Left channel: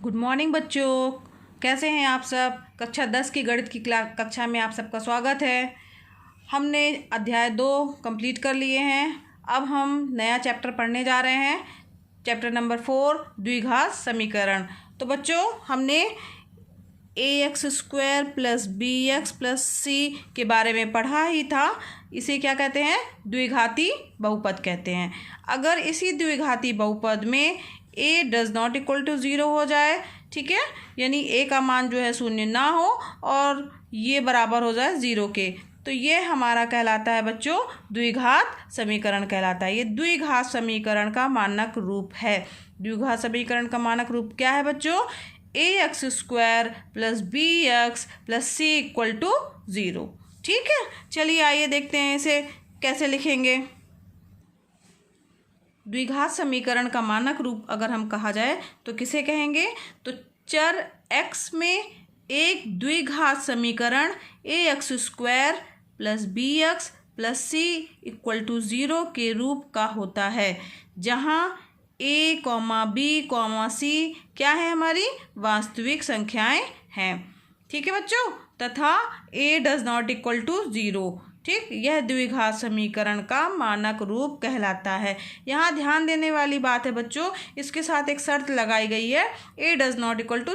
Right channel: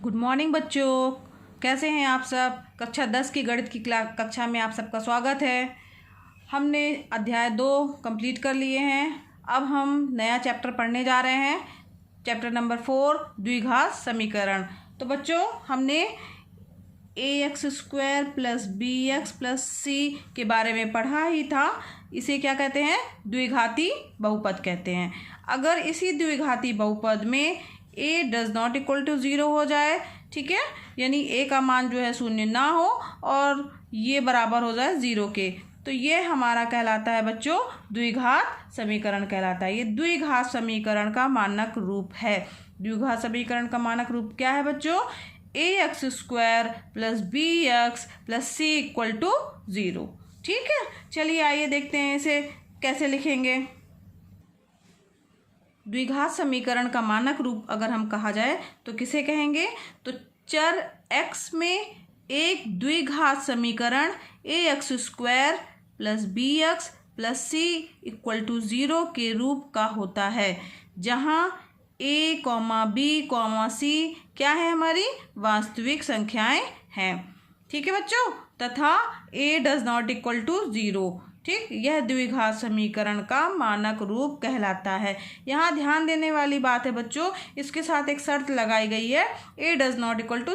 Good morning बच्चों, कैसे हैं आप सब। कक्षा 10 की गणित की कक्षा में आप सबका स्वागत है। हमने अध्याय 2 कंप्लीट कर लिए हैं। अब हम नया चैप्टर पढ़ने जा रहे हैं, चैप्टर नंबर 4 द्विघात समीकरण। तो बच्चों, हमने ax² + bx + c के बारे में पढ़ा ही था। इसे क्या कहते हैं? द्विघाती बहुपद कहते हैं। अगर इसी द्विघाती बहुपद में a ≠ 0 हो जाए, ठीक है, यानी a का मान जो है 0 ना हो और ये बराबर हो जाए 0 के, तो ये हमारा कहलाता है बच्चों द्विघात समीकरण कहलाता है। ये द्विघात समीकरण का मानक रूप है। द्विघात समीकरण का मानक रूप क्या है बच्चों? ax² + bx + c = 0। ठीक है, चलिए आइए देखते हैं इसे कैसे लिखेंगे। द्विघात समीकरण का मानक रूप अगर हम कहा जाए तो किसे कहेंगे? तो चर x में एक द्विघात समीकरण ax² + bx + c = 0 के रूप का होता है, जहाँ a, b, c क्या है? हमारी वास्तविक संख्याएं हैं। ठीक है बच्चों, तथा a ≠ 0। ठीक, यह द्विघात समीकरण का मानक रूप कहलाता है। यहाँ ध्यान देने वाली बात है बच्चों, इसके साथ एक शर्त लगाई गई है, a ≠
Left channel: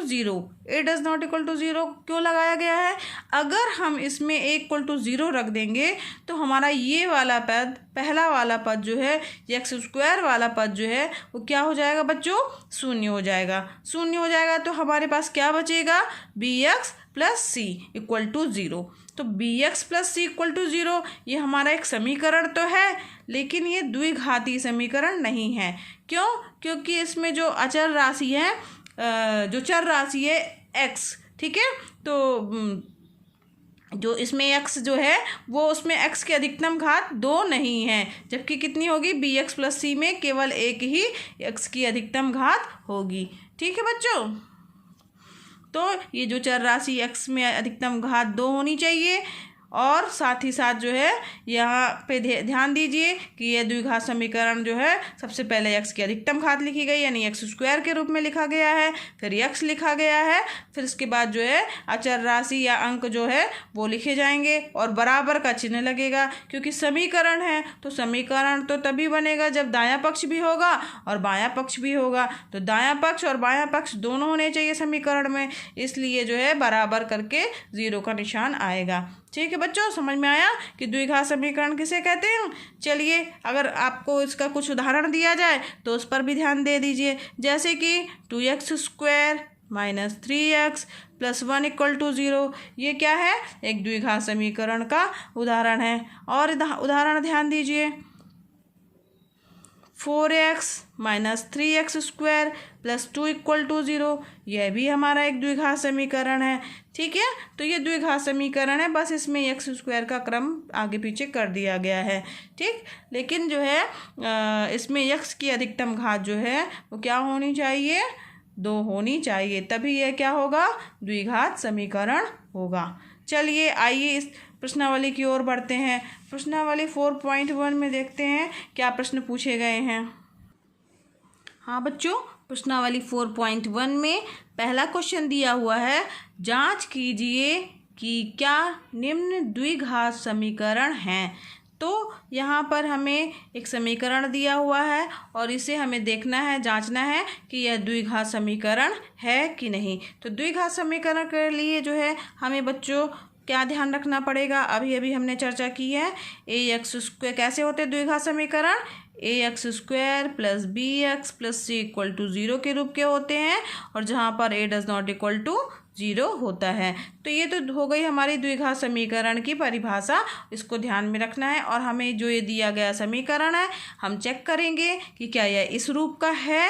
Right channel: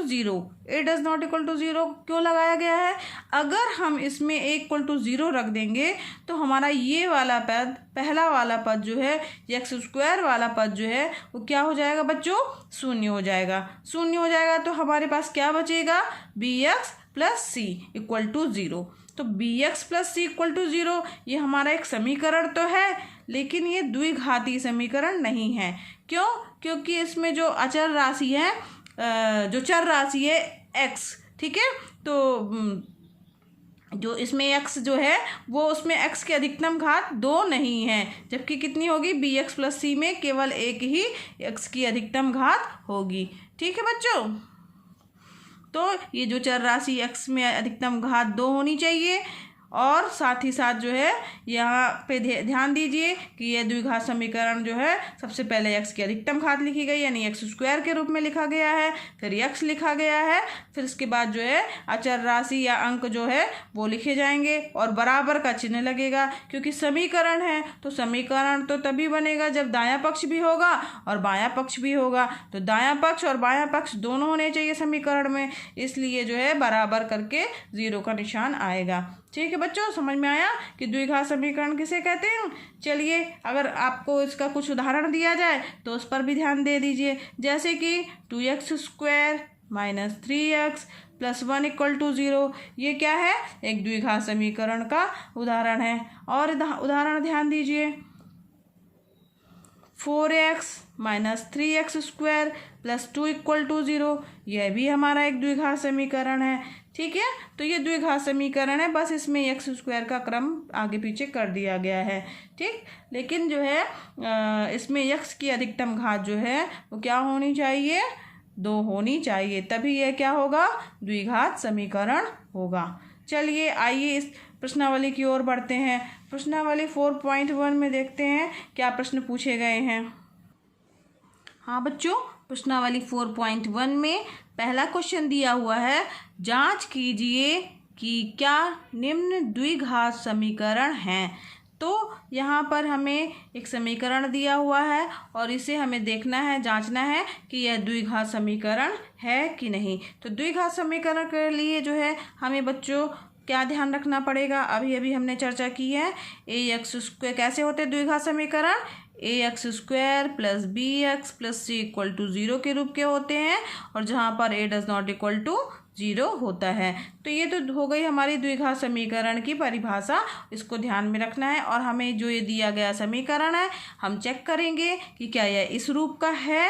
0। a ≠ 0 क्यों लगाया गया है? अगर हम इसमें a = 0 रख देंगे तो हमारा ये वाला पद, पहला वाला पद जो है, x² वाला पद जो है, वो क्या हो जाएगा बच्चों? 0 हो जाएगा। 0 हो जाएगा तो हमारे पास क्या बचेगा? bx + c = 0। तो bx + c = 0 ये हमारा एक समीकरण तो है, लेकिन ये द्विघाती समीकरण नहीं है। क्यों? क्योंकि इसमें जो अचर राशि है, जो चर राशि है x, ठीक है, तो जो इसमें x जो है वो उसमें x की अधिकतम घात 2 नहीं है, जबकि कितनी होगी? bx + c में केवल एक ही x की अधिकतम घात होगी। ठीक है बच्चों, तो ये जो चर राशि x में अधिकतम घात 2 होनी चाहिए। और साथ ही साथ जो है यहाँ पे ध्यान दीजिए कि यह द्विघात समीकरण जो है सबसे पहले x की अधिकतम घात लिखी गई, यानी x² के रूप में लिखा गया है, फिर x लिखा गया है, फिर इसके बाद जो है अचर राशि या अंक जो है वो लिखे जाएंगे और बराबर का चिन्ह लगेगा, क्योंकि समीकरण है तो समीकरण तो तभी बनेगा जब दायां पक्ष भी होगा और बायां पक्ष भी होगा। तो दायां पक्ष और बायां पक्ष दोनों होने चाहिए समीकरण में, इसलिए जो है बराबर करके 0 का निशान आएगा। ठीक है बच्चों, समझ में आया कि द्विघात समीकरण किसे कहते हैं? चलिए, अगर आपको इसका कुछ उदाहरण दिया जाए तो उस पर भी ध्यान दे दीजिए, जैसे कि 2x² - 3x + 1 = 0। ये क्या है? एक द्विघात समीकरण का उदाहरण है। और उदाहरण ध्यान दीजिए, 4x - 3x² + 2 = 0। यह भी हमारा एक द्विघात समीकरण है। ठीक है, तो ये द्विघात समीकरण है, बस इसमें x² का क्रम आगे पीछे कर दिया गया है। ठीक, लेकिन जो है इसमें x की अधिकतम घात जो है वो क्या होनी चाहिए? 2 होनी चाहिए, तभी यह क्या होगा? द्विघात समीकरण होगा। चलिए आइए इस प्रश्नावली की ओर बढ़ते हैं। प्रश्नावली 4.1 में देखते हैं क्या प्रश्न पूछे गए हैं। हाँ बच्चों, प्रश्नावली 4.1 में पहला क्वेश्चन दिया हुआ है, जांच कीजिए कि क्या निम्न द्विघात समीकरण हैं। तो यहाँ पर हमें एक समीकरण दिया हुआ है और इसे हमें देखना है, जांचना है कि यह द्विघात समीकरण है कि नहीं। तो द्विघात समीकरण के लिए जो है हमें बच्चों क्या ध्यान रखना पड़ेगा? अभी हमने चर्चा की है, ax² कैसे होते हैं द्विघात समीकरण? ax² + bx + c = 0 के रूप के होते हैं, और जहाँ पर a ≠ 0 होता है। तो ये तो हो गई हमारी द्विघात समीकरण की परिभाषा, इसको ध्यान में रखना है। और हमें जो ये दिया गया समीकरण है, हम चेक करेंगे कि क्या यह इस रूप का है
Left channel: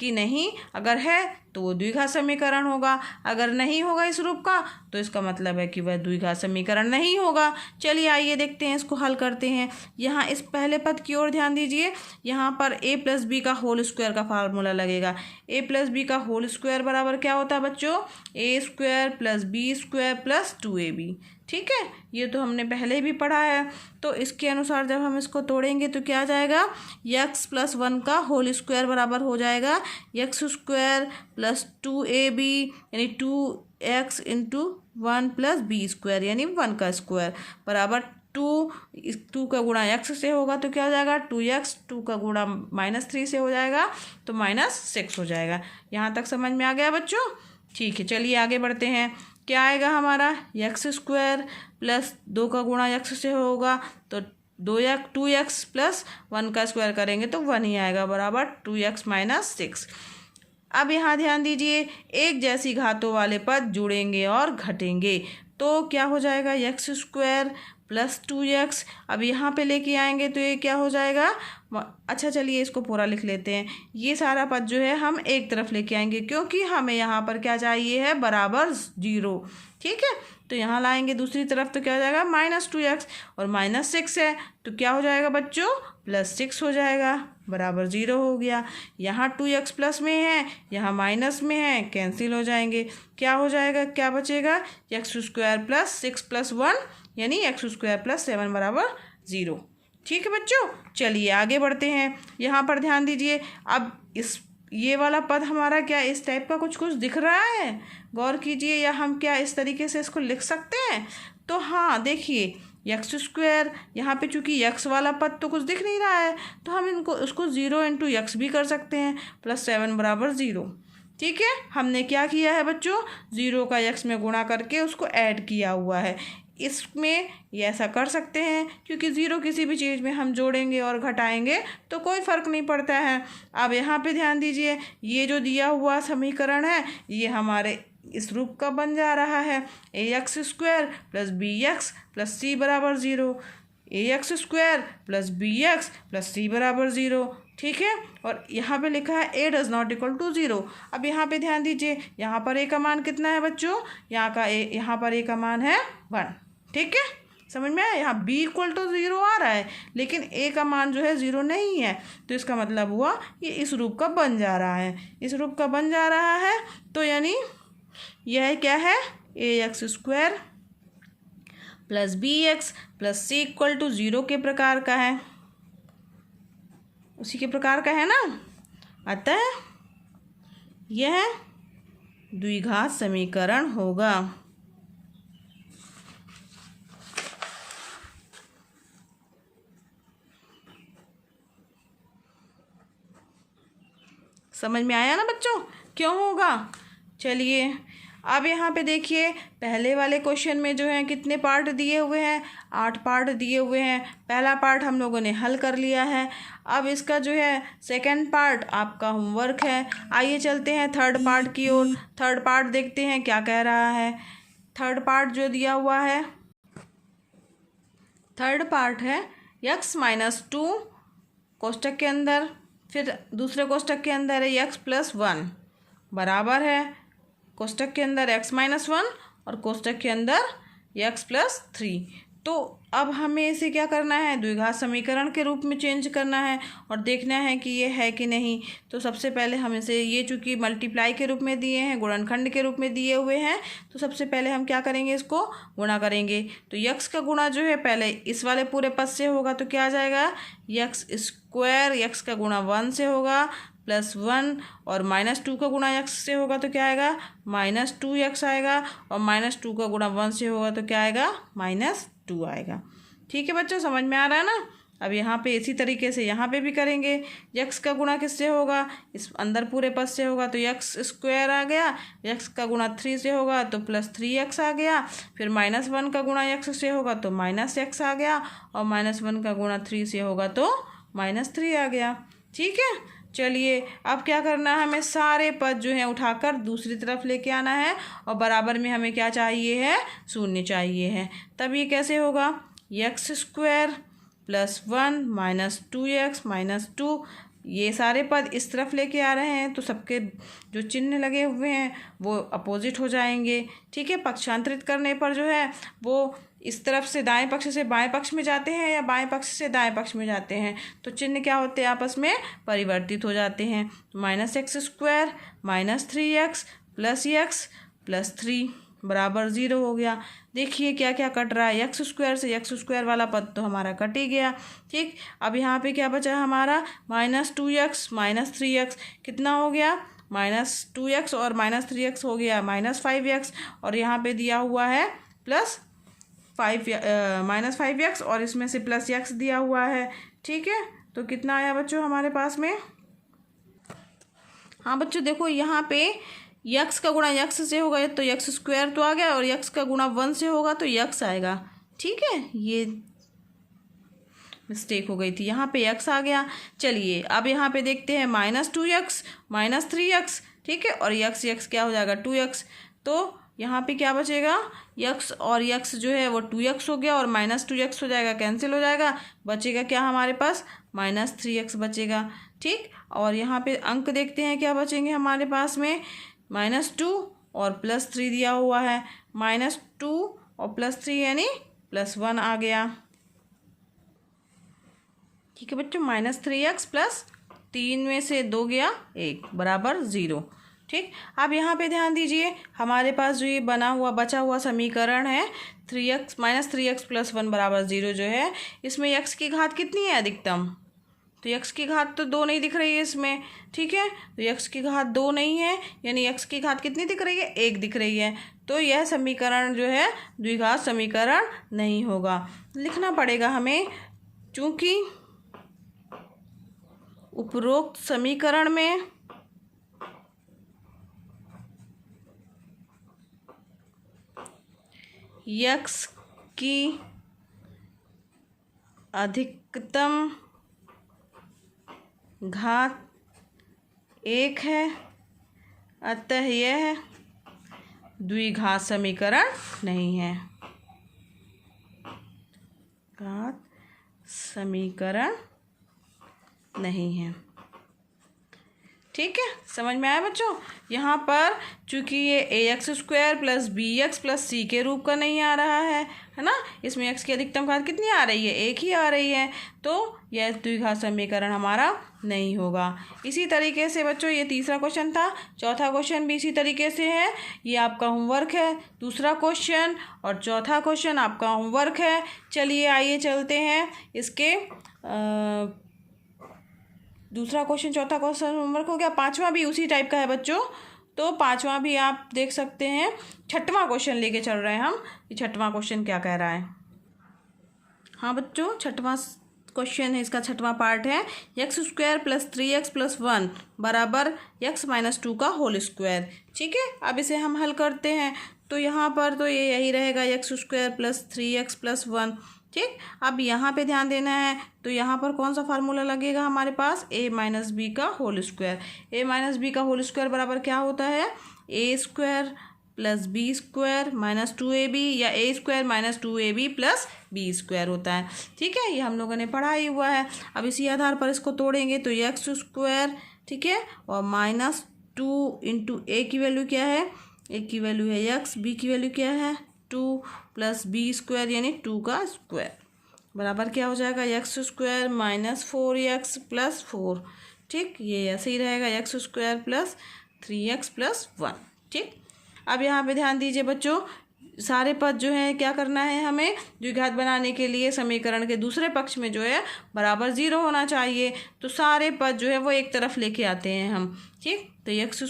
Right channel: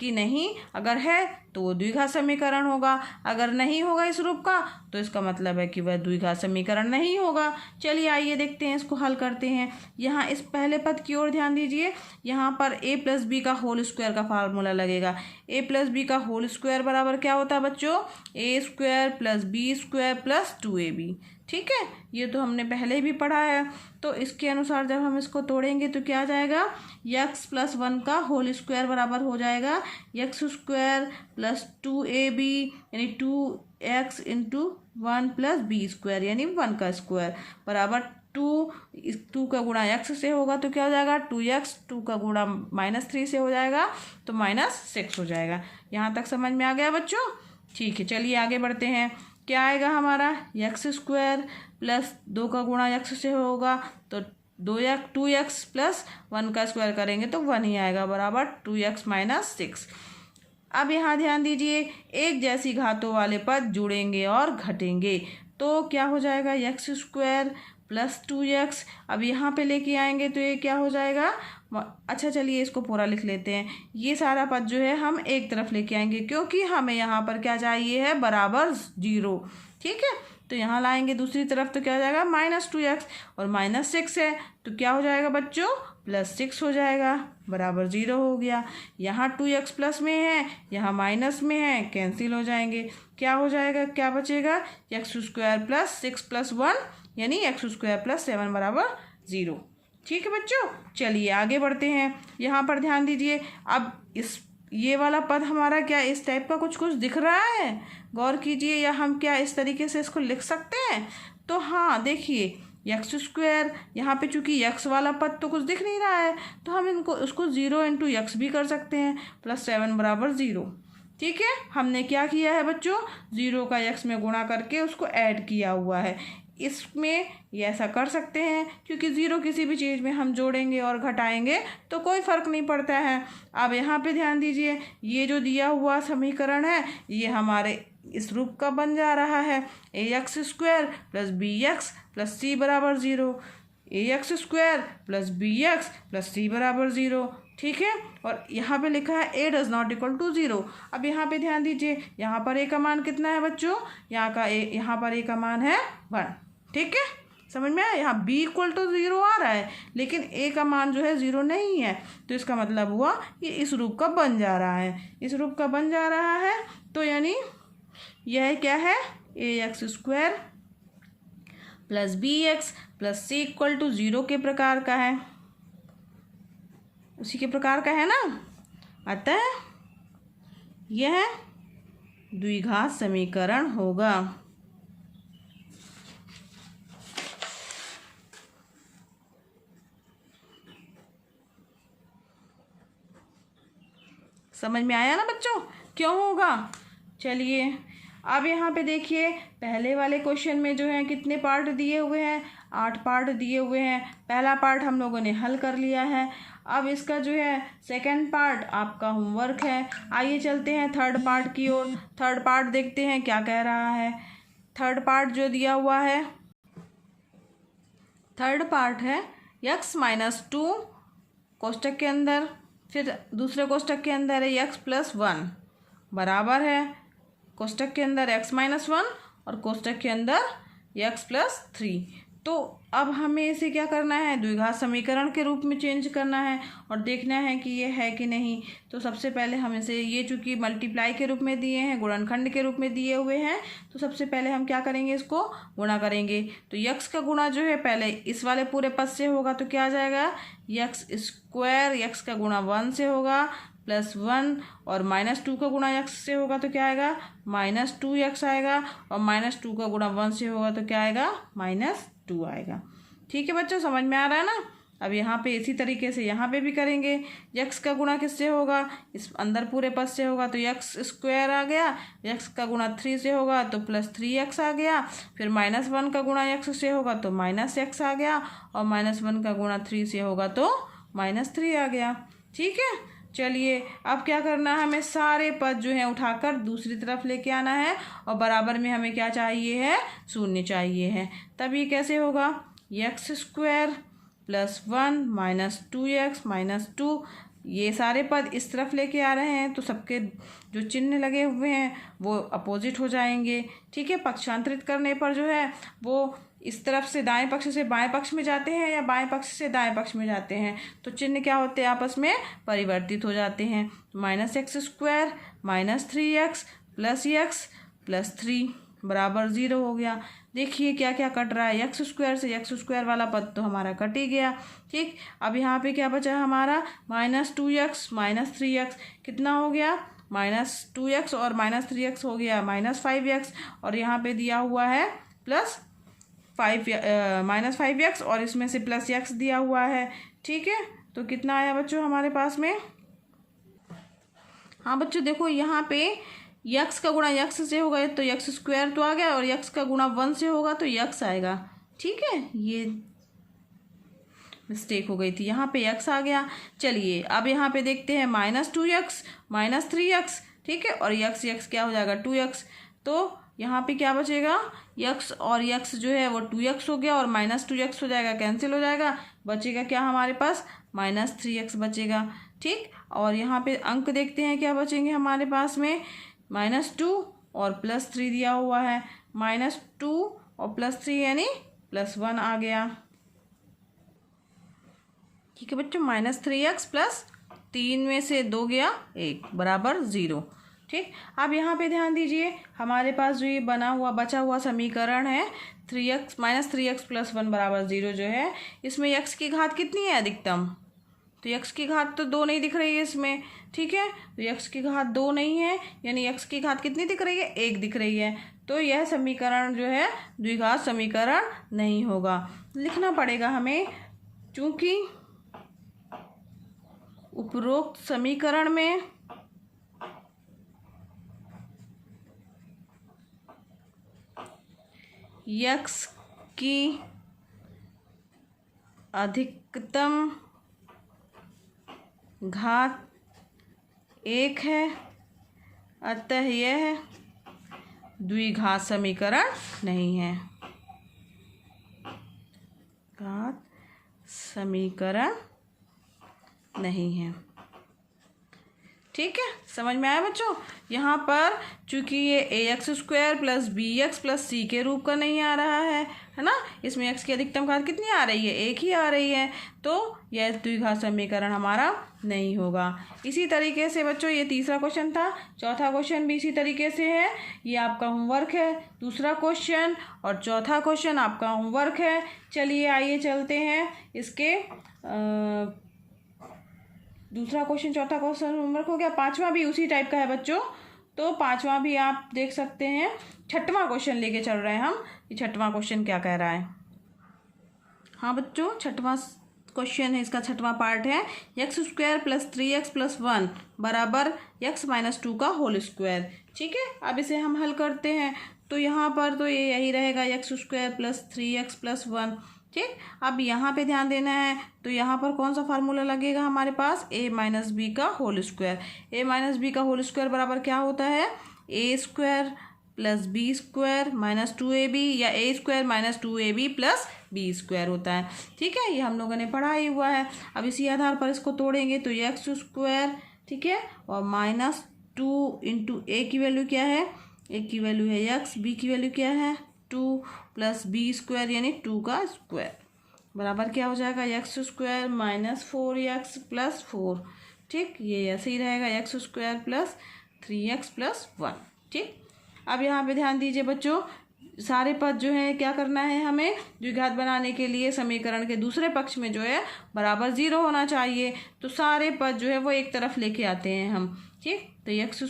कि नहीं। अगर है तो वो द्विघात समीकरण होगा, अगर नहीं होगा इस रूप का तो इसका मतलब है कि वह द्विघात समीकरण नहीं होगा। चलिए आइए देखते हैं, इसको हल करते हैं। यहाँ इस पहले पद की ओर ध्यान दीजिए, यहाँ पर a + b का होल स्क्वायर का फार्मूला लगेगा। a + b का होल स्क्वायर बराबर क्या होता है बच्चों? a² + b² + 2ab। ठीक है, ये तो हमने पहले भी पढ़ा है। तो इसके अनुसार जब हम इसको तोड़ेंगे तो क्या आ जाएगा, x प्लस 1 का होल स्क्वायर बराबर हो जाएगा एक्स स्क्वायर प्लस 2ab यानी 2x into 1 plus B square यानी 1 का स्क्वायर बराबर 2 का गुणा x से होगा तो क्या हो जाएगा 2x, 2 का गुणा -3 से हो जाएगा तो -6 हो जाएगा। यहाँ तक समझ में आ गया बच्चों? ठीक है, चलिए आगे बढ़ते हैं। क्या आएगा हमारा एक्स स्क्वायर प्लस 2 का गुणा x से होगा तो 2x प्लस 1 का स्क्वायर करेंगे तो 1 ही आएगा बराबर 2x माइनस 6। अब यहाँ ध्यान दीजिए, एक जैसी घातों वाले पद जुड़ेंगे और घटेंगे तो क्या हो जाएगा एक्स स्क्वायर प्लस 2x। अब यहाँ पे लेके आएंगे तो ये क्या हो जाएगा, अच्छा चलिए इसको पूरा लिख लेते हैं। ये सारा पद जो है हम एक तरफ लेके आएंगे क्योंकि हमें यहाँ पर क्या चाहिए है, बराबर 0। ठीक है, तो यहाँ लाएंगे दूसरी तरफ तो क्या हो जाएगा -2x और -6 है तो क्या हो जाएगा बच्चों, +6 हो जाएगा बराबर 0 हो गया। यहाँ 2x प्लस में है, यहाँ माइनस में है, कैंसिल हो जाएंगे। क्या हो जाएगा, क्या बचेगा, एक्स स्क्वायर प्लस 6 प्लस 1 यानी एक्स स्क्वायर प्लस 7 बराबर 0। ठीक है बच्चों, चलिए आगे बढ़ते हैं। यहाँ पर ध्यान दीजिए, अब ये वाला पद हमारा क्या इस टाइप का कुछ दिख रहा है, गौर कीजिए, या हम क्या इस तरीके से इसको लिख सकते हैं? तो हाँ देखिए, एक्स स्क्वायर यहाँ पे चूंकि एक्स वाला पद तो कुछ दिख नहीं रहा है तो हम उसको 0 इंटू एक्स भी कर सकते हैं प्लस 7 बराबर 0। ठीक है, हमने क्या किया है बच्चों, 0 का x में गुणा करके उसको ऐड किया हुआ है। इसमें ये ऐसा कर सकते हैं क्योंकि 0 किसी भी चीज़ में हम जोड़ेंगे और घटाएंगे तो कोई फ़र्क नहीं पड़ता है। अब यहाँ पे ध्यान दीजिए, ये जो दिया हुआ समीकरण है ये हमारे इस रूप का बन जा रहा है, ax square plus bx plus c बराबर 0, ax square plus bx plus c बराबर 0। ठीक है, और यहाँ पे लिखा है a does not equal to 0। अब यहाँ पे ध्यान दीजिए, यहाँ पर a का मान कितना है बच्चों, यहाँ पर a का मान है 1। ठीक है, समझ में आया? यहाँ b इक्वल टू 0 आ रहा है लेकिन a का मान जो है 0 नहीं है तो इसका मतलब हुआ कि इस रूप का बन जा रहा है, इस रूप का बन जा रहा है। तो यानी यह क्या है, ax square plus bx plus c equal to 0 के प्रकार का है, उसी के प्रकार का है ना। अतः यह द्विघात समीकरण होगा। समझ में आया ना बच्चों, क्यों होगा? चलिए अब यहाँ पे देखिए, पहले वाले क्वेश्चन में जो है कितने पार्ट दिए हुए हैं, 8 पार्ट दिए हुए हैं। पहला पार्ट हम लोगों ने हल कर लिया है। अब इसका जो है सेकंड पार्ट आपका होमवर्क है। आइए चलते हैं थर्ड पार्ट की ओर। थर्ड पार्ट देखते हैं क्या कह रहा है। थर्ड पार्ट जो दिया हुआ है, थर्ड पार्ट है x-2 कोष्टक के अंदर, फिर दूसरे कोष्टक के अंदर है x प्लस 1 बराबर है कोष्टक के अंदर x-1 और कोष्टक के अंदर x प्लस 3। तो अब हमें इसे क्या करना है, द्विघात समीकरण के रूप में चेंज करना है और देखना है कि ये है कि नहीं। तो सबसे पहले हम इसे, ये चूँकि मल्टीप्लाई के रूप में दिए हैं, गुणनखंड के रूप में दिए हुए हैं, तो सबसे पहले हम क्या करेंगे, इसको गुणा करेंगे। तो x का गुणा जो है पहले इस वाले पूरे पद से होगा तो क्या आ जाएगा, x स्क्वायर, x का गुणा 1 से होगा प्लस 1 और -2 का गुणा x से होगा तो क्या आएगा, -2x आएगा और -2 का गुणा 1 से होगा तो क्या आएगा, -2 आएगा। ठीक है बच्चों, समझ में आ रहा है ना। अब यहाँ पे इसी तरीके से यहाँ पे भी करेंगे। x का गुणा किससे होगा, इस अंदर पूरे पद से होगा तो x स्क्वायर आ गया, x का गुणा 3 से होगा तो प्लस 3x आ गया, फिर -1 का गुणा x से होगा तो -x आ गया और -1 का गुणा 3 से होगा तो -3 आ गया। ठीक है, चलिए अब क्या करना है, हमें सारे पद जो हैं उठाकर दूसरी तरफ लेके आना है और बराबर में हमें क्या चाहिए है, 0 चाहिए है। तब ये कैसे होगा, x स्क्वायर प्लस 1 -2x -2, ये सारे पद इस तरफ लेके आ रहे हैं तो सबके जो चिन्ह लगे हुए हैं वो अपोजिट हो जाएंगे। ठीक है, पक्षांतरित करने पर जो है वो इस तरफ से दाएं पक्ष से बाएं पक्ष में जाते हैं या बाएं पक्ष से दाएं पक्ष में जाते हैं तो चिन्ह क्या होते हैं, आपस में परिवर्तित हो जाते हैं। तो -x square -3x plus x plus 3 बराबर 0 हो गया। देखिए क्या क्या कट रहा है, एक्स स्क्वायर से एक्स स्क्वायर वाला पद तो हमारा कट ही गया। ठीक, अब यहाँ पे क्या बचा हमारा, -2x -3x कितना हो गया, -2x और -3x हो गया -5x, और यहाँ पे दिया हुआ है -5x और इसमें से +x दिया हुआ है। ठीक है, तो कितना आया बच्चों हमारे पास में। हाँ बच्चों देखो यहाँ पे यक्स का गुणा यक्स से होगा तो यक्स स्क्वायर तो आ गया, और यक्स का गुणा 1 से होगा तो यक्स आएगा। ठीक है, ये मिस्टेक हो गई थी, यहाँ पे यक्स आ गया। चलिए अब यहाँ पे देखते हैं -2x -3x। ठीक है, और यक्स यक्स क्या हो जाएगा 2x, तो यहाँ पे क्या बचेगा, यक्स और यक्स जो है वो 2x हो गया और -2x हो जाएगा, कैंसिल हो जाएगा। बचेगा क्या हमारे पास, -3x बचेगा। ठीक, और यहाँ पे अंक देखते हैं क्या बचेंगे हमारे पास में, -2 और +3 दिया हुआ है, -2 और +3 यानी +1 आ गया। ठीक है बच्चों, -3x प्लस 3 में से 2 गया 1 बराबर 0। ठीक, अब यहाँ पे ध्यान दीजिए हमारे पास जो ये बना हुआ बचा हुआ समीकरण है 3x -3x + 1 बराबर 0 जो है, इसमें x की घात कितनी है अधिकतम, तो x की घात तो 2 नहीं दिख रही है इसमें। ठीक है, तो x की घात 2 नहीं है, यानी x की घात कितनी दिख रही है, 1 दिख रही है, तो यह समीकरण जो है द्विघात समीकरण नहीं होगा। लिखना पड़ेगा हमें, चूंकि उपरोक्त समीकरण में x की अधिकतम घात 1 है, अतः यह द्विघात समीकरण नहीं है, घात समीकरण नहीं है। ठीक है, समझ में आया बच्चों। यहाँ पर चूंकि ये ax² + bx + c के रूप का नहीं आ रहा है ना, इसमें x की अधिकतम घात कितनी आ रही है, 1 ही आ रही है, तो यह द्विघात समीकरण हमारा नहीं होगा। इसी तरीके से बच्चों ये तीसरा क्वेश्चन था, चौथा क्वेश्चन भी इसी तरीके से है, ये आपका होमवर्क है, दूसरा क्वेश्चन और चौथा क्वेश्चन आपका होमवर्क है। चलिए आइए चलते हैं इसके दूसरा क्वेश्चन चौथा क्वेश्चन होमवर्क हो गया, पांचवा भी उसी टाइप का है बच्चों, तो पांचवा भी आप देख सकते हैं। छठवां क्वेश्चन लेके चल रहे हैं हम, ये छठवां क्वेश्चन क्या कह रहा है। हाँ बच्चों, छठवां क्वेश्चन है, इसका छठवां पार्ट है, x² + 3x + 1 बराबर x - 2 का होल स्क्वायर। ठीक है, अब इसे हम हल करते हैं, तो यहाँ पर तो ये यही रहेगा x² + 3x + 1। ठीक, अब यहाँ पे ध्यान देना है, तो यहाँ पर कौन सा फार्मूला लगेगा हमारे पास, a - b का होल स्क्वायर। a - b का होल स्क्वायर बराबर क्या होता है, a² + b² - 2ab या a² - 2ab + b² होता है। ठीक है, ये हम लोगों ने पढ़ा ही हुआ है। अब इसी आधार पर इसको तोड़ेंगे तो x², ठीक है, और -2 × a की वैल्यू क्या है, a की वैल्यू है x, b की वैल्यू क्या है 2 + b² यानी 2 का स्क्वायर बराबर क्या हो जाएगा, x² - 4x + 4। ठीक, ये ऐसे ही रहेगा x² + 3x + 1। ठीक, अब यहाँ पे ध्यान दीजिए बच्चों, सारे पद जो है क्या करना है हमें, द्विघात बनाने के लिए समीकरण के दूसरे पक्ष में जो है बराबर 0 होना चाहिए, तो सारे पद जो है वो एक तरफ लेके आते हैं हम। ठीक, तो x²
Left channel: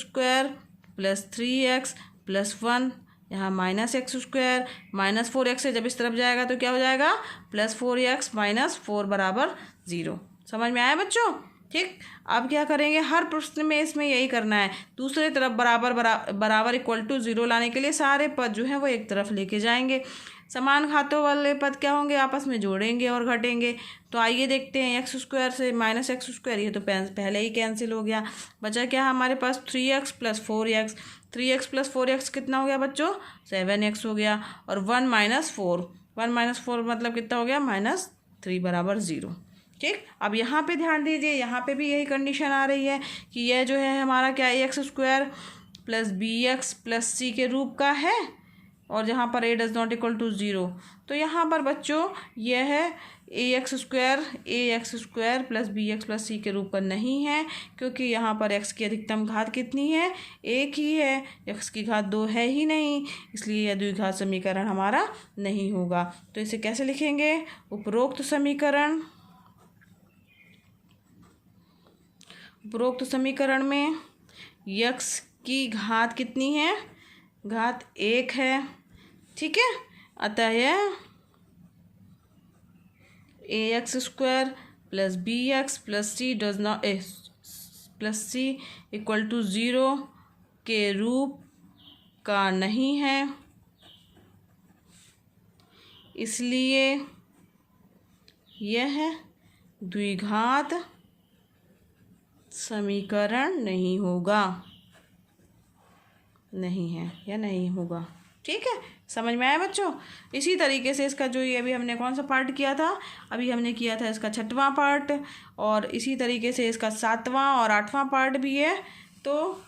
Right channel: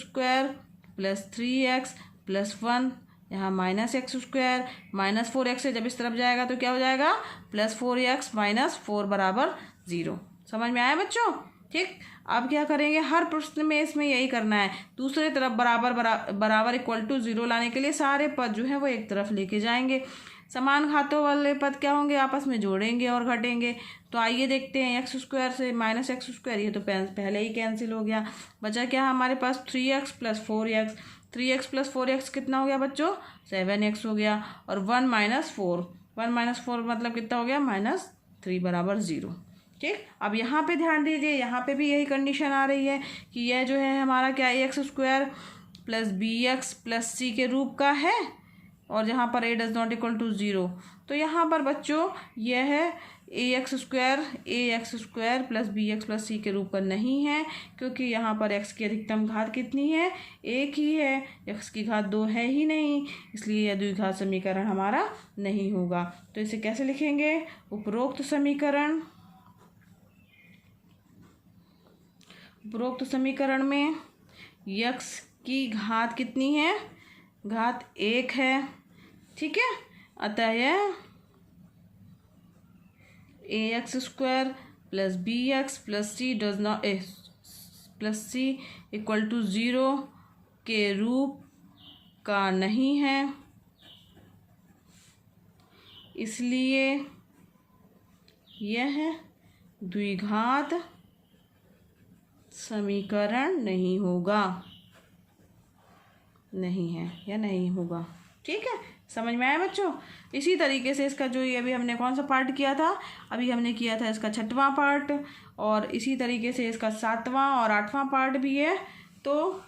+ 3x + 1, यहाँ -x² -4x से जब इस तरफ जाएगा तो क्या हो जाएगा, +4x - 4 बराबर 0। समझ में आया बच्चों। ठीक, अब क्या करेंगे, हर प्रश्न में इसमें यही करना है, दूसरे तरफ बराबर = 0 लाने के लिए सारे पद जो हैं वो एक तरफ लेके जाएंगे। समान घातों वाले पद क्या होंगे, आपस में जोड़ेंगे और घटेंगे। तो आइए देखते हैं, x² से -x², ये तो पहले ही कैंसिल हो गया, बचा क्या हमारे पास 3x + 4x। 3x + 4x कितना हो गया बच्चों, 7x हो गया, और 1 - 4, 1 - 4 मतलब कितना हो गया, -3 बराबर 0। ठीक, अब यहाँ पे ध्यान दीजिए, यहाँ पे भी यही कंडीशन आ रही है कि यह जो है हमारा क्या x² + bx + c के रूप का है, और जहाँ पर a ≠ 0, तो यहाँ पर बच्चों यह a x square plus b x plus c के रूप का नहीं है, क्योंकि यहाँ पर एक्स की अधिकतम घात कितनी है, एक ही है, एक्स की घात 2 है ही नहीं, इसलिए यह द्विघात समीकरण हमारा नहीं होगा। तो इसे कैसे लिखेंगे? उपरोक्त समीकरण में यक्स की घात कितनी है, घात 1 है, ठीक है। अतः यह a x square plus b x plus c plus c equal to 0 के रूप का नहीं है, इसलिए यह द्विघात समीकरण नहीं होगा, नहीं है या नहीं होगा। ठीक है, समझ में आया बच्चों? इसी तरीके से इसका जो ये अभी हमने कौन सा पार्ट किया था, अभी हमने किया था इसका 6वां पार्ट, और इसी तरीके से इसका 7वां और 8वां पार्ट भी है। तो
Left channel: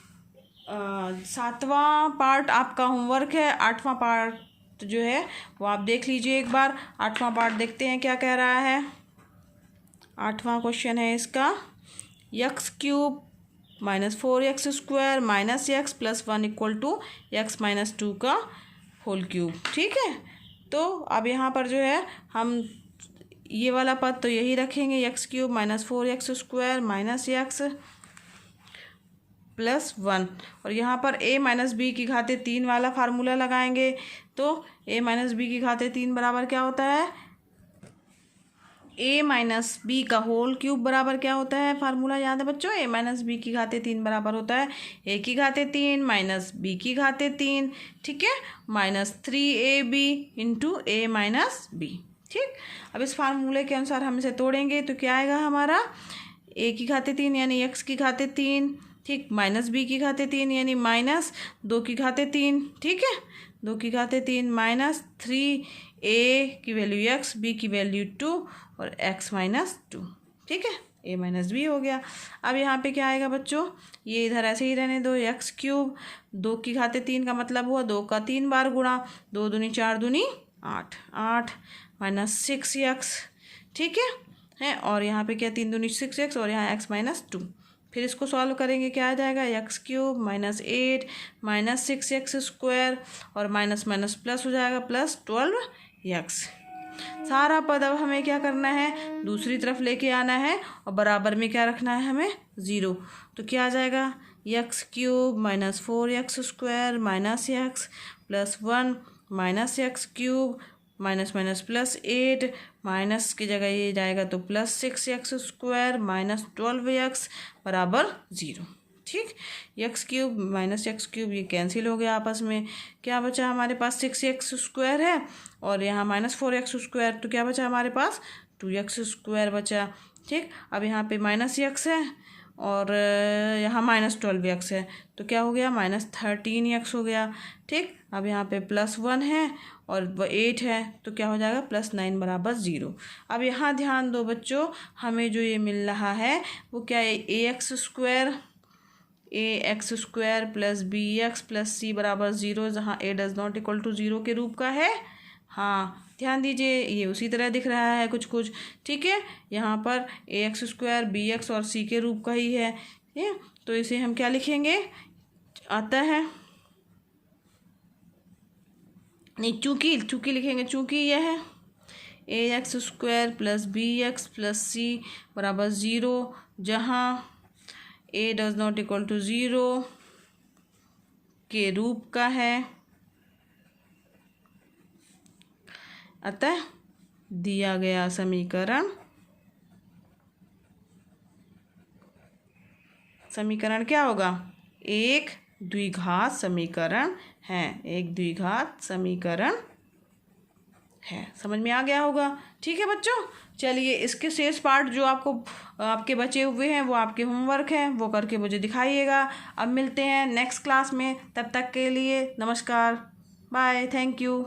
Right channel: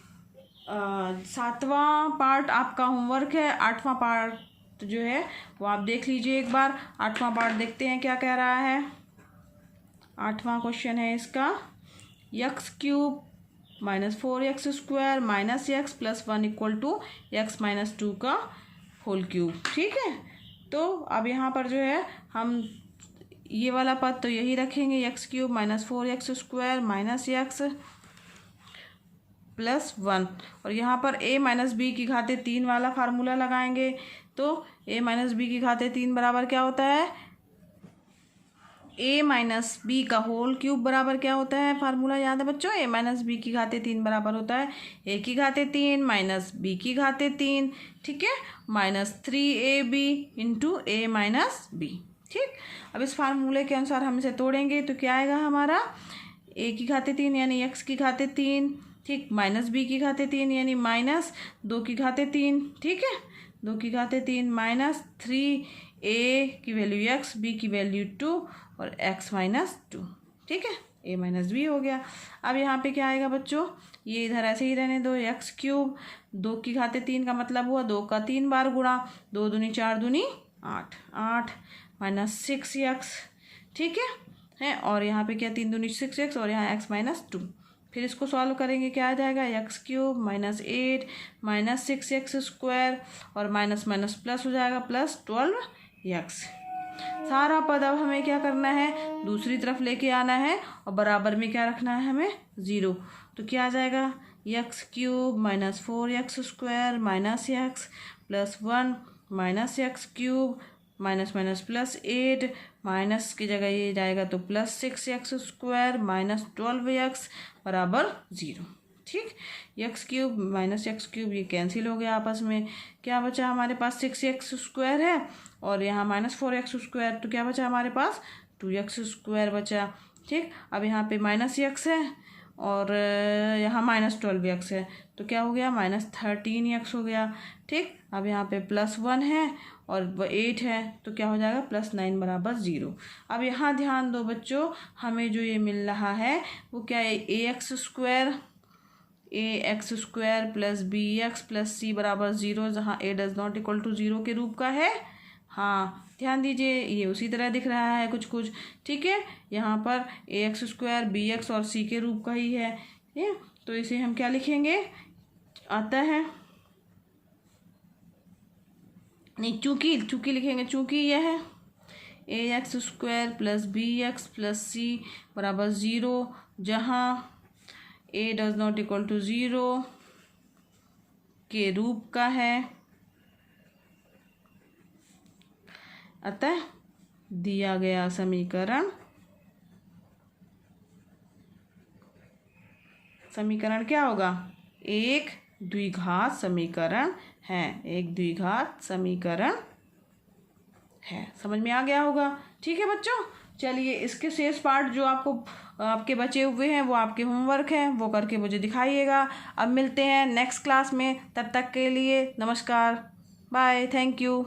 7वां पार्ट आपका होमवर्क है, 8वां पार्ट जो है वो आप देख लीजिए एक बार। 8वां पार्ट देखते हैं क्या कह रहा है। 8वां क्वेश्चन है इसका, x³ minus 4x square minus X plus 1 equal to X minus 2 का होल क्यूब। ठीक है, तो अब यहाँ पर जो है हम ये वाला पद तो यही रखेंगे, x³ minus 4x square minus X plus 1, और यहाँ पर a माइनस बी की घाते 3 वाला फार्मूला लगाएंगे। तो a माइनस बी की घाते 3 बराबर क्या होता है, a माइनस बी का होल क्यूब बराबर क्या होता है, फार्मूला याद है बच्चों, a माइनस बी की घाते 3 बराबर होता है a की घाते 3 माइनस b की घाते 3, ठीक है, minus 3ab into a minus B. ठीक, अब इस फार्मूले के अनुसार हम इसे तोड़ेंगे तो क्या आएगा हमारा, a की घाते 3 यानी x की घाते 3, ठीक, माइनस b की घाते 3 यानी माइनस 2 की घाते 3, ठीक है, 2 की घाते 3 माइनस 3a की वैल्यू x, b की वैल्यू 2 और x माइनस 2, ठीक है, a माइनस बी हो गया। अब यहाँ पे क्या आएगा बच्चों, ये इधर ऐसे ही रहने दो, x³ 2 की घाते 3 का मतलब हुआ 2 का 3 बार गुणा, 2 दूनी 4 दूनी 8, 8 माइनस 6x, ठीक है, और यहाँ पे क्या 3 दूनी 6x और यहाँ x माइनस 2। फिर इसको सॉल्व करेंगे, क्या आ जाएगा, x³ minus 8 minus 6x square और माइनस माइनस प्लस हो जाएगा प्लस 12x। सारा पद अब हमें क्या करना है, दूसरी तरफ लेके आना है और बराबर में क्या रखना है हमें, 0। तो क्या आ जाएगा, x³ minus 4x square minus x plus 1 minus x³ minus minus plus 8 minus की जगह ये जाएगा तो plus 6x square minus 12x बराबर 0। ठीक, x³ माइनस x³ ये कैंसिल हो गया आपस में, क्या बचा हमारे पास 6x स्क्वायर है और यहाँ माइनस 4x स्क्वायर, तो क्या बचा हमारे पास 2x स्क्वायर बचा। ठीक, अब यहाँ पे माइनस x है और यहाँ माइनस 12x है, तो क्या हो गया, माइनस 13x हो गया। ठीक, अब यहाँ पे प्लस 1 है और 8 है, तो क्या हो जाएगा, प्लस 9 बराबर 0। अब यहाँ ध्यान दो बच्चों, हमें जो ये मिल रहा है वो क्या है, ax square plus bx plus c बराबर 0, जहाँ a does not equal to 0 के रूप का है। हाँ, ध्यान दीजिए, ये उसी तरह दिख रहा है कुछ कुछ, ठीक है, यहाँ पर ax स्क्वायर bx और c के रूप का ही है, तो इसे हम क्या लिखेंगे, आता है नहीं, चूँकि लिखेंगे, चूँकि यह है ax square plus bx plus c बराबर 0, जहाँ a does not equal to 0 के रूप का है, अतः दिया गया समीकरण क्या होगा, एक द्विघात समीकरण है, एक द्विघात समीकरण है। समझ में आ गया होगा। ठीक है बच्चों, चलिए इसके शेष पार्ट जो आपके बचे हुए हैं वो आपके होमवर्क है, वो करके मुझे दिखाइएगा। अब मिलते हैं नेक्स्ट क्लास में, तब तक के लिए नमस्कार, बाय, थैंक यू।